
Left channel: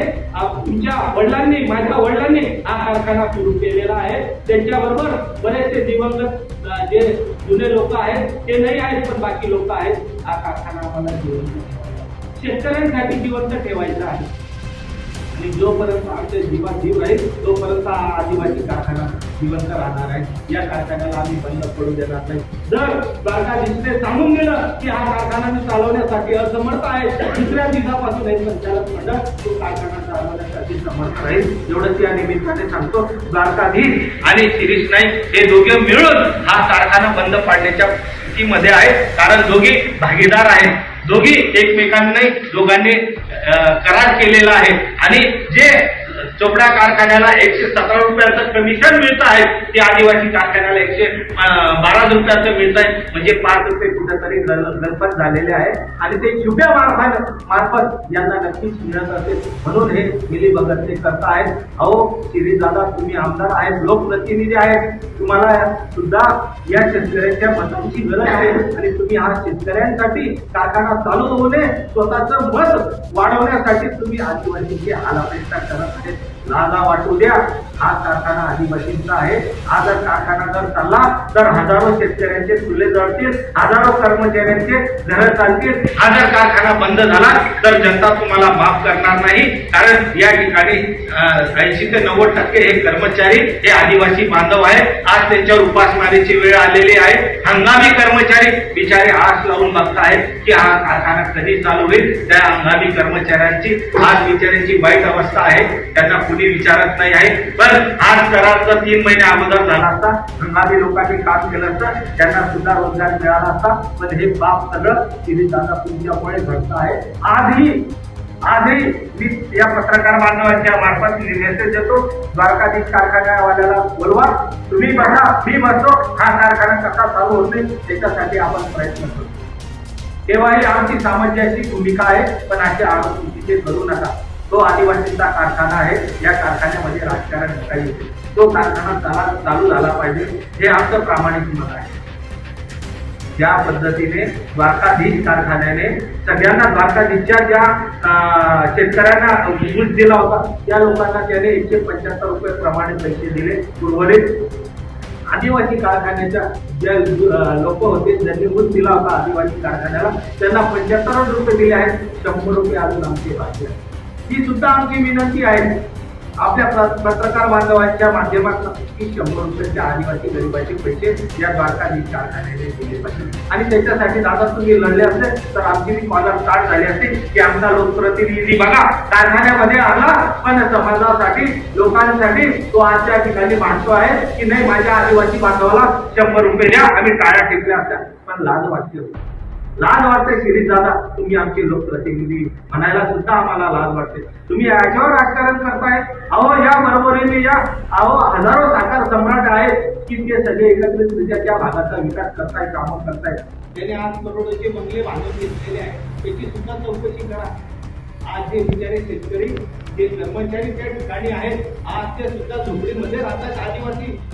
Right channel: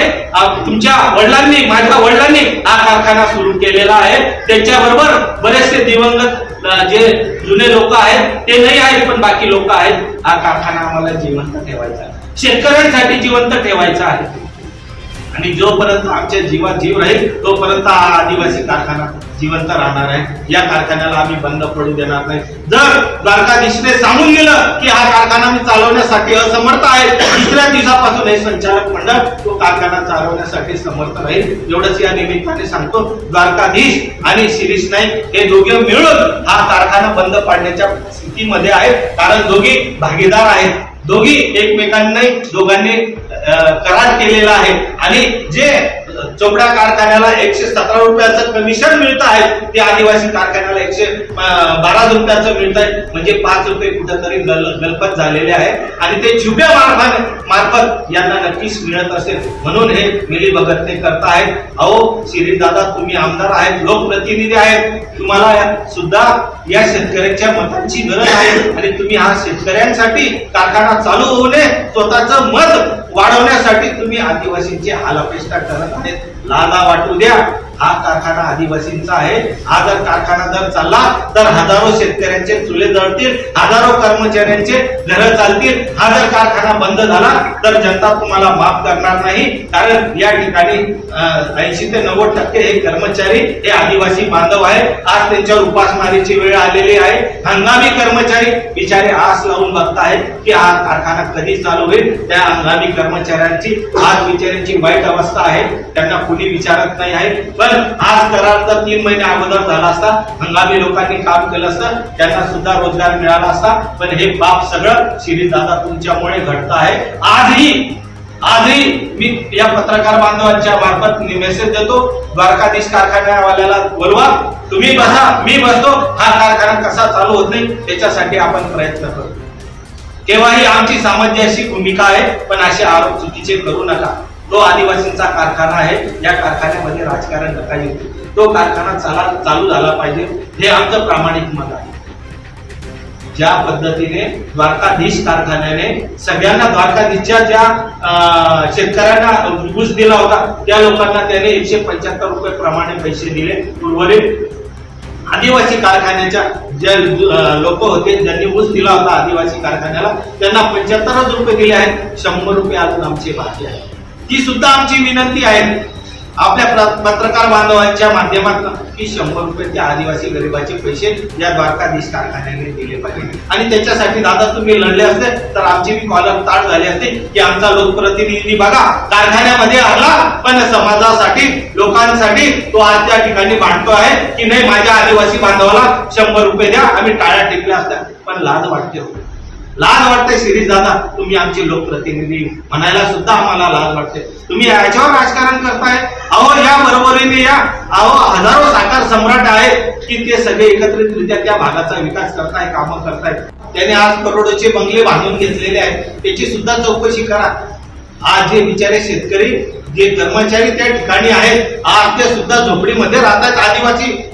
तुमच्या वडिलांनी माझ्या वडिलांनी हा कारखाना सुरू केलेला आहे. त्यांच्याबरोबर बरेचसे दिवंगत जे जुने लोक आहेत ते नाही आहेत पण बाकी लोक आहेत. हा कारखाना आम्हाला जिवंत ठेवायचा शेतकऱ्यांसाठी जिवंत ठेवायचा आहे. आणि जोपर्यंत आमच्या जीवात जीव राहील तोपर्यंत हा आदिवासी कारखाना जिवंत राहणार आहे. या कारखान्याला आम्ही बंद पडू देणार नाही. जर द्वारकाधीशने सांगून दिलं की हा कारखाना मी चालवण्यासाठी असमर्थ आहे दुसऱ्या दिवसापासून हे संचालक मंडळ तो कारखाना चालवण्यासाठी समर्थ राहील. एवढंच या निमित्ताने सांगतो द्वारकाधीश आणि शिरीष नाईक हे दोघे मिळून हा कारखाना बंद पाडण्याच्या स्थितीमध्ये आहे कारण दोघे भागीदार आहेत. दोघी एकमेकांनी दोघांनी करार केलेला आहे. आणि जे चोपड्या कारखान्याला एकशे सतरा रुपयाचं कमिशन मिळत आहे. ते आदिवासी कारखान्याला एकशे बारा रुपयाचं मिळत आहे म्हणजे पाच रुपये कुठेतरी गल- गलपत झालेले आहे. आणि ते छुप्या मार्फत मार्फत यांना नक्कीच मिळत असेल. म्हणून हे मिली भगत ते आहेत अहो शिरीष दादा तुम्ही आमदार आहेत लोकप्रतिनिधी आहेत. तुम्हाला सुद्धा या शेतकऱ्यांच्या मतांची गरज आहे. आणि तुम्ही हा शेतकऱ्यांसाठी कारखाना चालू होऊ नये. स्वतःचं मत वाढवण्यासाठी तुम्ही आदिवासींची हालापेष्टा करत आहेत. लादा वाटू द्या. हा कारखाना आदिवासींचा आहे. हा जर कारखाना जर चालला तर हजारो शेतकऱ्यांचे चुले जळतील हजारो कर्मचाऱ्यांचे घर चालतील. हा जर कारखाना बंद झाला तर जनता तुम्हाला माफ करणार नाही. कारण या ठिकाणी ऐंशी ते नव्वद टक्के हे कर्मचारी हे आदिवासी बांधव आहे आज त्यांच्यावर उपासमारीची वेळ आलेली आहे. हंगामी कर्मचारी बिचारे आस लावून बघतायत की हा कारखाना कधी चालू होईल. त्या हंगामी कर्मचाऱ्यांची आज बिचाऱ्यांची वाईट अवस्था आहे. त्यांना कुणी विचारत नाही आहे. पण आज करार जर तीन महिने अगोदर झाला असता हंगामी लोकांनी काम केलं असतं त्यांना सुद्धा रोजगार मिळाला असता. पण हे बाप सगळं शिरीष तुमच्यामुळे घडत आहे. आजही आजही मी या पत्रकार बांधवांच्या मार्फत मेसेज देतो. द्वारकाधीश कारखान्यावाल्याला बोलवा तुम्ही बसा मी बसतो. हा कारखाना कसा चालू होत नाही त्याच्यासाठी आपण प्रयत्न करतो केव्हाही आमची सामंजस्य भूमिका आहे पण असे आरोप चुकीचे करू नका. तो आदिवासींचा कारखाना आहे या कारखान्यामध्ये राजकारण नका येते. तो कारखाना चाला चालू झाला पाहिजे हे आमचं प्रामाणिक मत आहे. ज्या पद्धतीने द्वारकाधीश कारखान्याने सगळ्यांना द्वारकाधीशच्या ज्या शेतकऱ्यांना घुस दिला होता त्या लोकांना त्याने एकशे पंच्याहत्तर रुपये प्रमाणे पैसे दिले उर्वरित. आदिवासी कारखान्याच्या जे लोक होते ज्यांनी ऊस दिला होता आदिवासी कारखान्याला त्यांना पंच्याहत्तरच रुपये दिले आहेत. शंभर रुपये अजून आमची बाकी आहे ती सुद्धा आमची विनंती आहे. आपल्या पत्रकार बांधवांच्या माध्यमातून की शंभर रुपये त्या आदिवासी गरिबाचे पैसे या द्वारकाधीश कारखान्याने दिले पाहिजे. आणि त्याच्यासाठी दादा तुम्ही लढले असते तर आमची बी कॉलम ताट झाली असते की आमचा लोकप्रतिनिधी बघा कारखान्यामध्ये आला पण समाजासाठी लोकांसाठी तो आज त्या ठिकाणी भांडतो आहे की नाही माझ्या आदिवासी बांधवाला शंभर रुपये द्या आम्ही टाळ्या टिकल्या असत्या. पण लाज वाटते होती लाज वाटते शिरीष दादा तुम्ही आमचे लोकप्रतिनिधी. म्हणायला सुद्धा आम्हाला लाज वाटते. तुम्ही याच्यावर राजकारण करताय? अहो या बरोबरीने या. अहो हजारो साकार सम्राट आहेत की ते सगळे एकत्रितरित्या त्या भागाचा विकास करताय कामं करताय. त्याने आज करोडोचे बंगले बांधून घेतलेले आहेत. त्याची सुद्धा चौकशी करा. आज जे बिचारे शेतकरी जे कर्मचारी त्या ठिकाणी आहेत आज ते सुद्धा झोपडीमध्ये राहतात आदिवासी.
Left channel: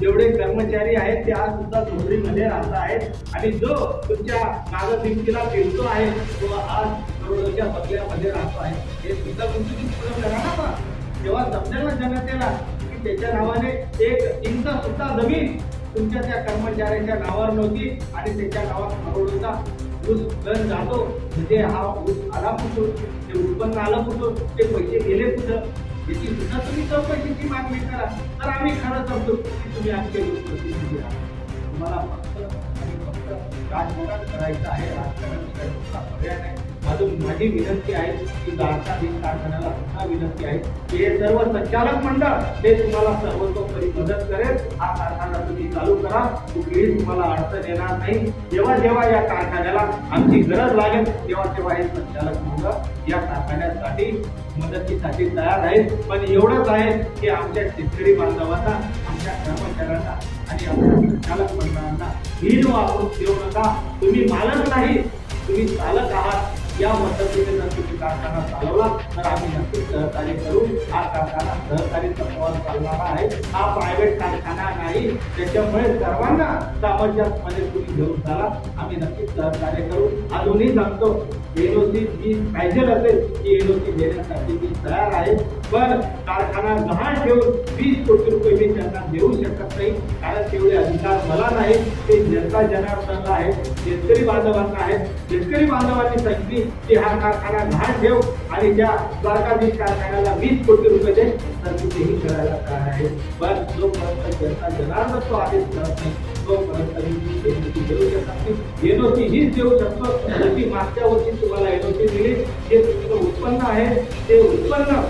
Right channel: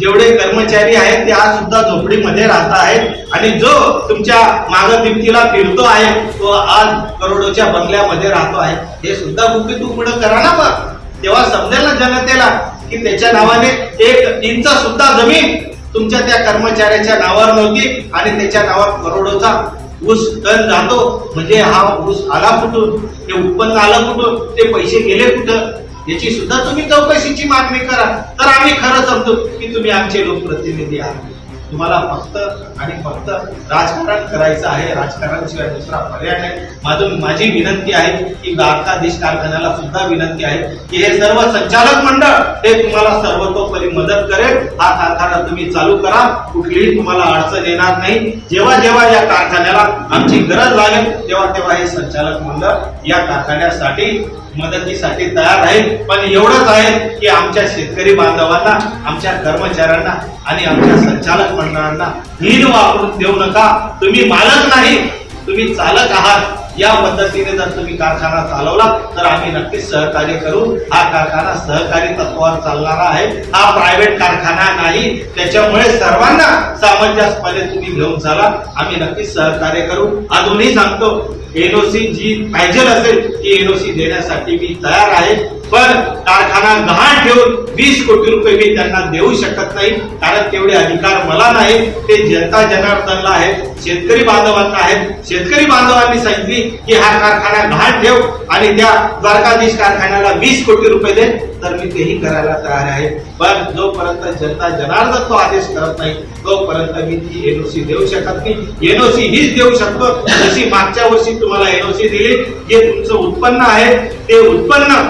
जेवढे कर्मचारी आहेत ते आज सुद्धा झोपडीमध्ये राहत आहेत. आणि जो तुमच्या माग भिंतीला फिरतो आहे तो आज करोडोच्या बंगल्यामध्ये राहतो आहे. हे सुद्धा गुपित तू पुढे करा ना मग. तेव्हा समजेल ना जनतेला की त्याच्या नावाने एक इंच सुद्धा जमीन तुमच्या त्या कर्मचाऱ्याच्या नावावर नव्हती आणि त्याच्या नावावर करोडोचा ऊस टन जातो. म्हणजे हा ऊस आला कुठून? ते उत्पन्न आलं कुठून? ते पैसे गेले कुठं? याची सुद्धा तुम्ही चौकशीची मागणी करा. तर आम्ही खरं समजू की तुम्ही आमचे लोकप्रतिनिधी आहात. तुम्हाला फक्त आणि फक्त राजकारण करायचं आहे. राजकारणाशिवाय दुसरा पर्याय नाही. माझं माझी विनंती आहे की द्वारकाधीश कारखान्याला सुद्धा विनंती आहे की हे सर्व संचालक मंडळ हे तुम्हाला सर्वतोपरी मदत करेल. हा कारखाना तुम्ही चालू करा. कुठलीही तुम्हाला अडचण येणार नाही. जेव्हा जेव्हा या कारखान्याला आमची गरज लागेल तेव्हा तेव्हा हे संचालक मंडळ या कारखान्यासाठी मदतीसाठी तयार आहे पण एवढंच आहे की आमच्या शेतकरी बांधवांना आमच्या कर्मचाऱ्यांना आणि आमच्या संचालक मंडळांना हीन वापरून देऊ नका. तुम्ही मालक नाही तुम्ही चालक आहात. या पद्धतीने जर तुम्ही कारखाना चालवला तर आम्ही नक्कीच सहकार्य करू. हा कारखाना सहकारी तत्वावर चालणारा आहे. हा प्रायव्हेट कारखाना नाही. त्याच्यामुळे सर्वांना सामंजस्यपणे तुम्ही घेऊन चाला. आम्ही नक्कीच सहकार्य करू. अजूनही सांगतो एनओसी जी पाहिजे असेल ती एनओसी देण्यासाठी मी तयार आहे. पण कारखाना गहाण ठेवून वीस कोटी रुपये मी त्यांना देऊ शकत नाही कारण तेवढे अधिकार मला नाही ते जनता जनार्दनला आहेत शेतकरी बांधवांना आहेत. शेतकरी बांधवांनी सांगितली की हा कारखाना गहाण ठेव. आणि त्या द्वारकाधीश कारखान्याला वीस कोटी रुपये दे तर मी तेही करायला तयार आहे. पण जोपर्यंत जनता जनार्दन तो आदेश करत नाही तोपर्यंत मी ती एनओसी देऊ शकत नाही. एनओसी हीच देऊ शकतो. जशी मागच्या वर्षी तुम्हाला एनओसी दिली जे तुमचं उत्पन्न आहे ते उत्पन्न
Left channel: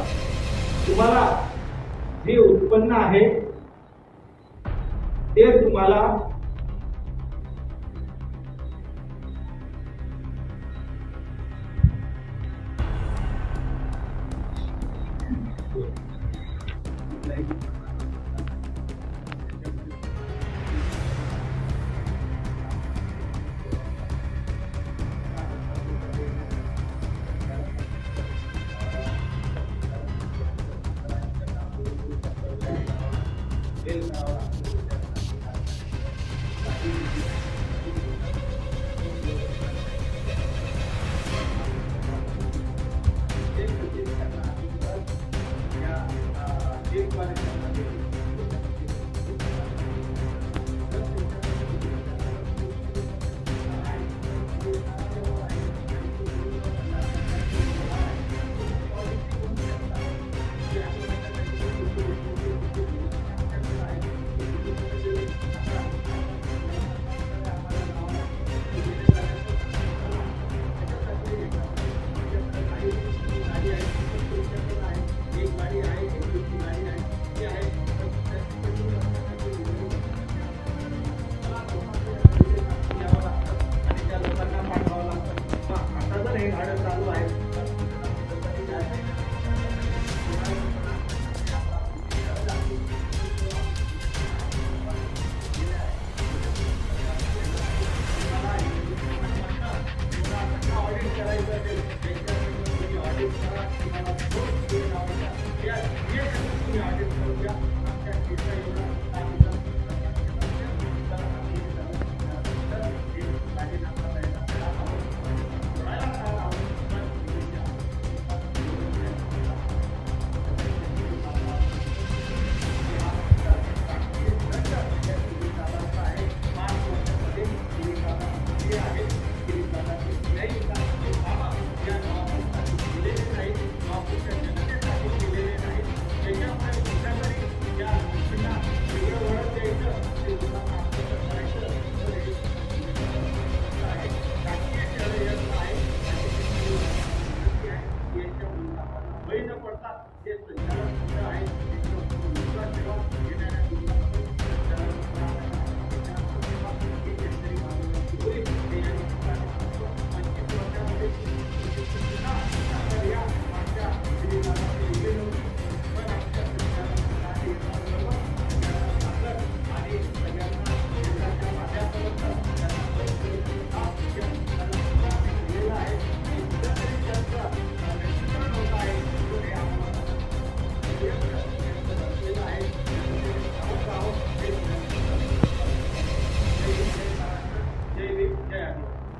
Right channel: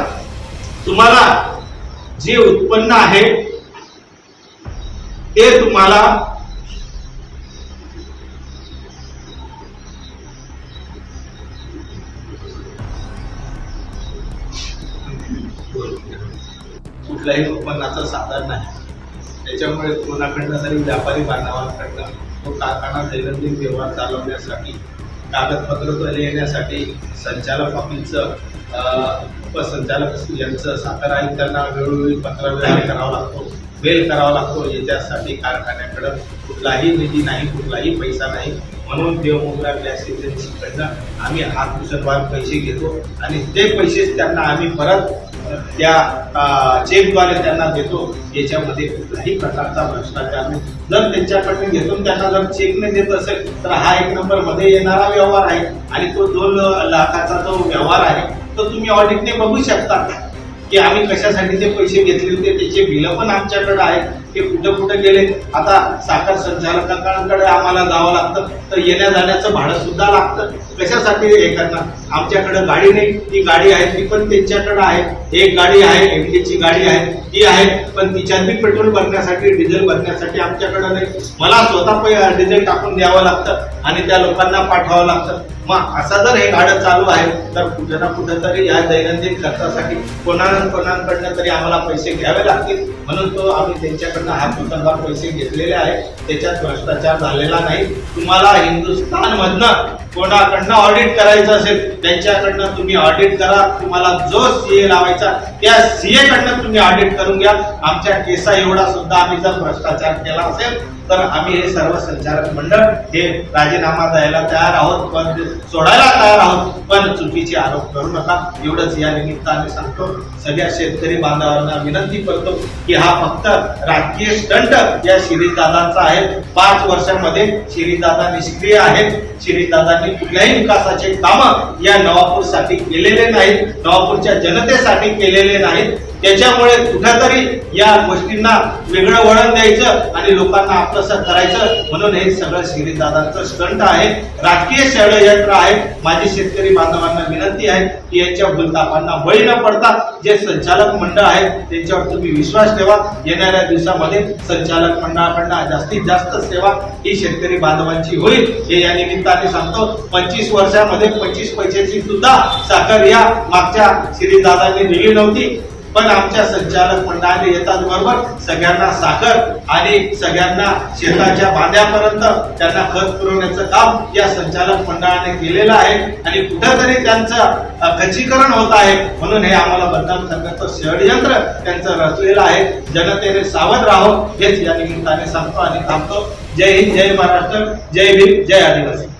तुम्हाला जे उत्पन्न आहे ते तुम्हाला कुठल्याही उत्पन्नाचं साधन नाही. त्याच्यामुळे कोणाकडनं तरी व्यापारी बांधवांकडनं तो कारखाना दैनंदिन व्यवहार चालवण्यासाठी कागदपत्र येण्यासाठी संचालक ऑफिसचं उपसंचालक यांचं साखर आयुक्तांना वेळोवेळी पत्रव्यवहार करावा लागतो वेल करावा लागतो याच्यासाठी कारखान्याकडं कुठलाही निधी नाही कुठलाही पैसा नाही. म्हणून देवमुद्रा गॅस एजन्सीकडनं आम्ही हात पुसतवार पैसे घेतो आणि ते पैसे त्यांना आम्ही परत त्या चेकद्वारे त्यांना देतो याच्यामध्ये कुठल्याही प्रकारचा भ्रष्टाचार नाही. जर त्यांच्याकडून घेतून त्यांना जर चेकने देत असेल तर हा एक नंबरमध्ये येणारा व्यवहार आहे आणि तो दोन लाखाचा जो व्यवहार आहे तो तुम्ही ऑडिटने बघू शकता. की आम्ही कशासाठी ते पैसे घेतले होते त्याचे बिलं पण आमच्याकडे आहेत. ते कुठं कुठं गेले. आता साखर संचालकांकडे आम्हाला जावं लागतं. तर येण्या जाण्याचं भाडं सुद्धा लागतं. कशासाठी हे करणार आमच्याकडे गाडी नाही. ती गाडी आहे ती पण त्यांच्याकडे आहे. एक गाडी आहे एमटीची गाडी आहे ती आहे. पण तिच्यात बी पेट्रोल भरण्यासाठी डिझेल भरण्यासाठी आमच्याकडे नाही. मला स्वतः डिझेल टाकून द्यावं लागतं आणि त्या लोकांना पाठवावं लागतं. मग असं जर हे गाडं चालू आहे तर कुठं ना कुठं तरी या दैनंदिन खर्चासाठी कोणा कोणाकडनं तरी आम्हाला पैसे घ्यावे लागतील. म्हणून तो आम्ही त्यांच्याकडनं हा कुटुंबात पैसे घेतलेले आहेत त्याच्यात भ्रष्टाचार झालेला नाही. तुम्हाला हिंदुस्थानमधनं कोणाकडनं ऑडिट करायचं असेल त्यांच्याकडनं तुम्ही ऑडिट करा. तुम्हाला जो सीए लावायचा त्या सीए कडनं तुम्ही ऑडिट करून घ्या. आमच्या केसा एवढा सुद्धा आम्ही जर भ्रष्टाचार केला असेल तर आम्ही हे सर्व संचालक मंडळ हे राजीनामा द्यायला तयार आहोत पण सोडायला तयार आहोत पण चुकीचे आरोप करू नका. एवढंच या निमित्ताने सांगतो. सगळ्या शेतकरी बांधवांना विनंती करतो की हा फक्त राजकीय स्टंट या शिरीषदादांचा आहे. पाच वर्षांमध्ये शिरीषदादा निष्क्रिय आहेत. शिरीषदादांनी कुठल्याही विकासाचे कामं या नवापूरसाठी केलेले नाहीत नवापूरच्या जनतेसाठी केलेले नाहीत. त्याच्यामुळे कुठेतरी या गोष्टींना वेगळं वळण द्यायचं आणि लोकांना आपलंसं करायचं म्हणून हे सगळं श्रीदादांचं स्टंट आहे. राजकीय षडयंत्र आहे. माझी शेतकरी बांधवांना विनंती आहे की यांच्या भूलतापांना बळी न पडता जे संचालक मंडळ आहे त्यांच्यावर तुम्ही विश्वास ठेवा. येणाऱ्या दिवसामध्ये संचालक मंडळाकडनं जास्तीत जास्त सेवा ही शेतकरी बांधवांची होईल. हे या निमित्ताने सांगतो. पंचवीस वर्षामध्ये पंचवीस पैशाची सुद्धा साखर या मागच्या श्रीदादांनी दिली नव्हती. पण आमच्या संचालक मंडळाने येतात बरोबर? सगळ्यांना साखर आणि सगळ्यांना शेताच्या बांध्यापर्यंत त्यांना खत पुरवण्याचं काम या संचालक मंडळाने केलेलं आहे. आणि कुठेतरी त्यांचं खचीकरण होत आहे. म्हणून हे आम्हाला बदनाम करण्याचं षडयंत्र त्यांचं रचलेलं आहे. जनतेने सावध राहो. हेच या निमित्ताने सांगतो आणि थांबतो. जय हिंद जय महाराष्ट्र. जय भीम जय आदिवासी.